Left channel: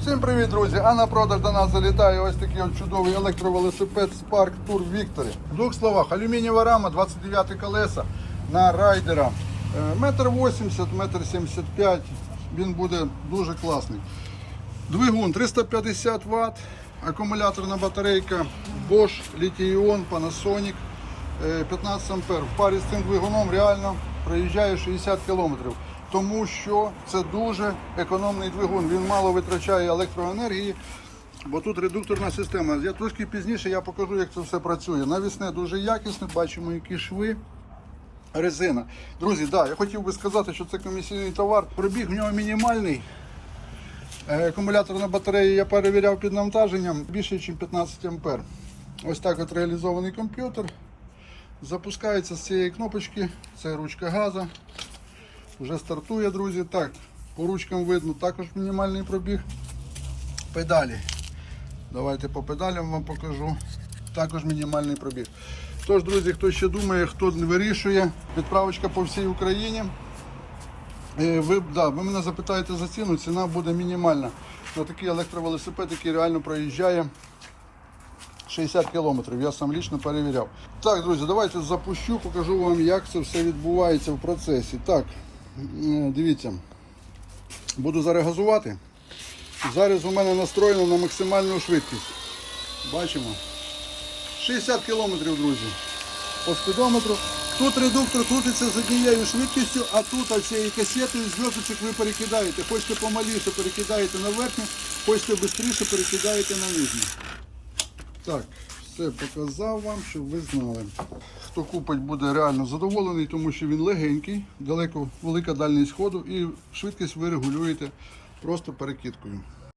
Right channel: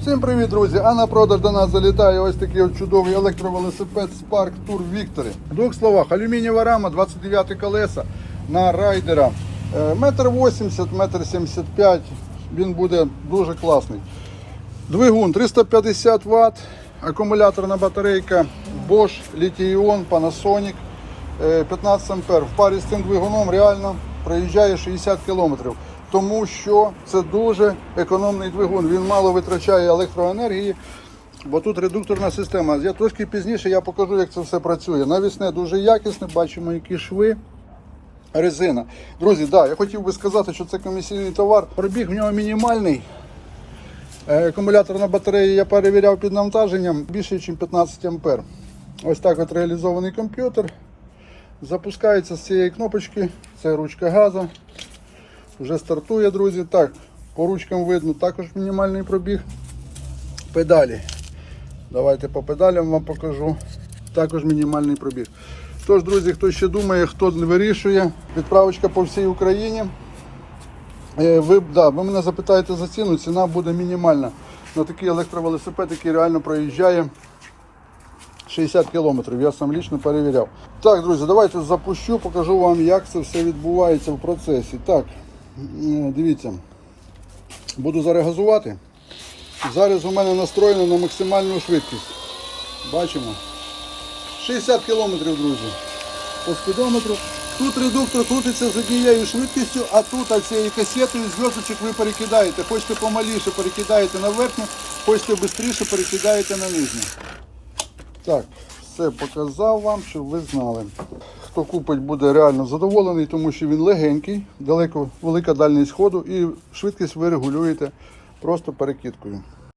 Всім привіт, друзі! А на продаж до нас залітає ось такий чудовий електровелосипед Spark Tour Victory. В двох словах, алюмінієва рама, 29 колеса на райдера. Е, Метр 80, метр 75. Він буде дуже класний. Двигун 350 Вт, акумуляторна батарейка Bosch, Lithium, Panasonic, е, 15 ампер. В парі з цим двигуном реально проїжджає 60 км. Тому що це дуже економний двигун. Він мало витрачає електроенергії, бо тут редукторна система. Я трошки пізніше я покажу, як це все працює. Навісне дуже якісне, бачимо, які шви. Резина. Друзі, да, я хотів би сказати, що це комісійний товар. Пробіг в нього мінімальний. Е, Акумуляторна батарея я перевіряв під навантаженням більше, ніж 15 ампер. Ось так от реалізований комп'ютер. Запускається з цієї кнопочки. Це ручка газу. Вже стартує, друзі. Так, по ручкам видно також мінімальний пробіг. Педалі. Давайте по педалям вам покажу. Також мінімальний пробіг. Тож, друзі, хто ще думає, хто вирішує, відправочка по всій Україні. Е, Ви, да, ви мене запитаєте за ціну, ціна буде мінімальна. На такий електровелосипед, який реально проїжджає 60 кілометрів. Я сам лічно перевіряв. Так, друзі, давайте запущу, покажу вам, як це все відбувається в процесі. Так, дивіться, буду зараз газувати. Зараз у мене настроєно на максимальну швидкість. Бачимо. 60 кілометрів, друзі. По спідометру. Тут редуктор крутиться з однією швидкістю, а тут а цією касетою зв'язочок ви перекидаєте. Хочете помаліше перекидаєте на верхню, хочете швидше перекидаєте на нижню. Так, все показав вам, щоб ви знали. Хто купить, буде реально задоволений, тому що він легенький, далеко велика дальність ходу і швидкість ви регулюєте просто перекидкою.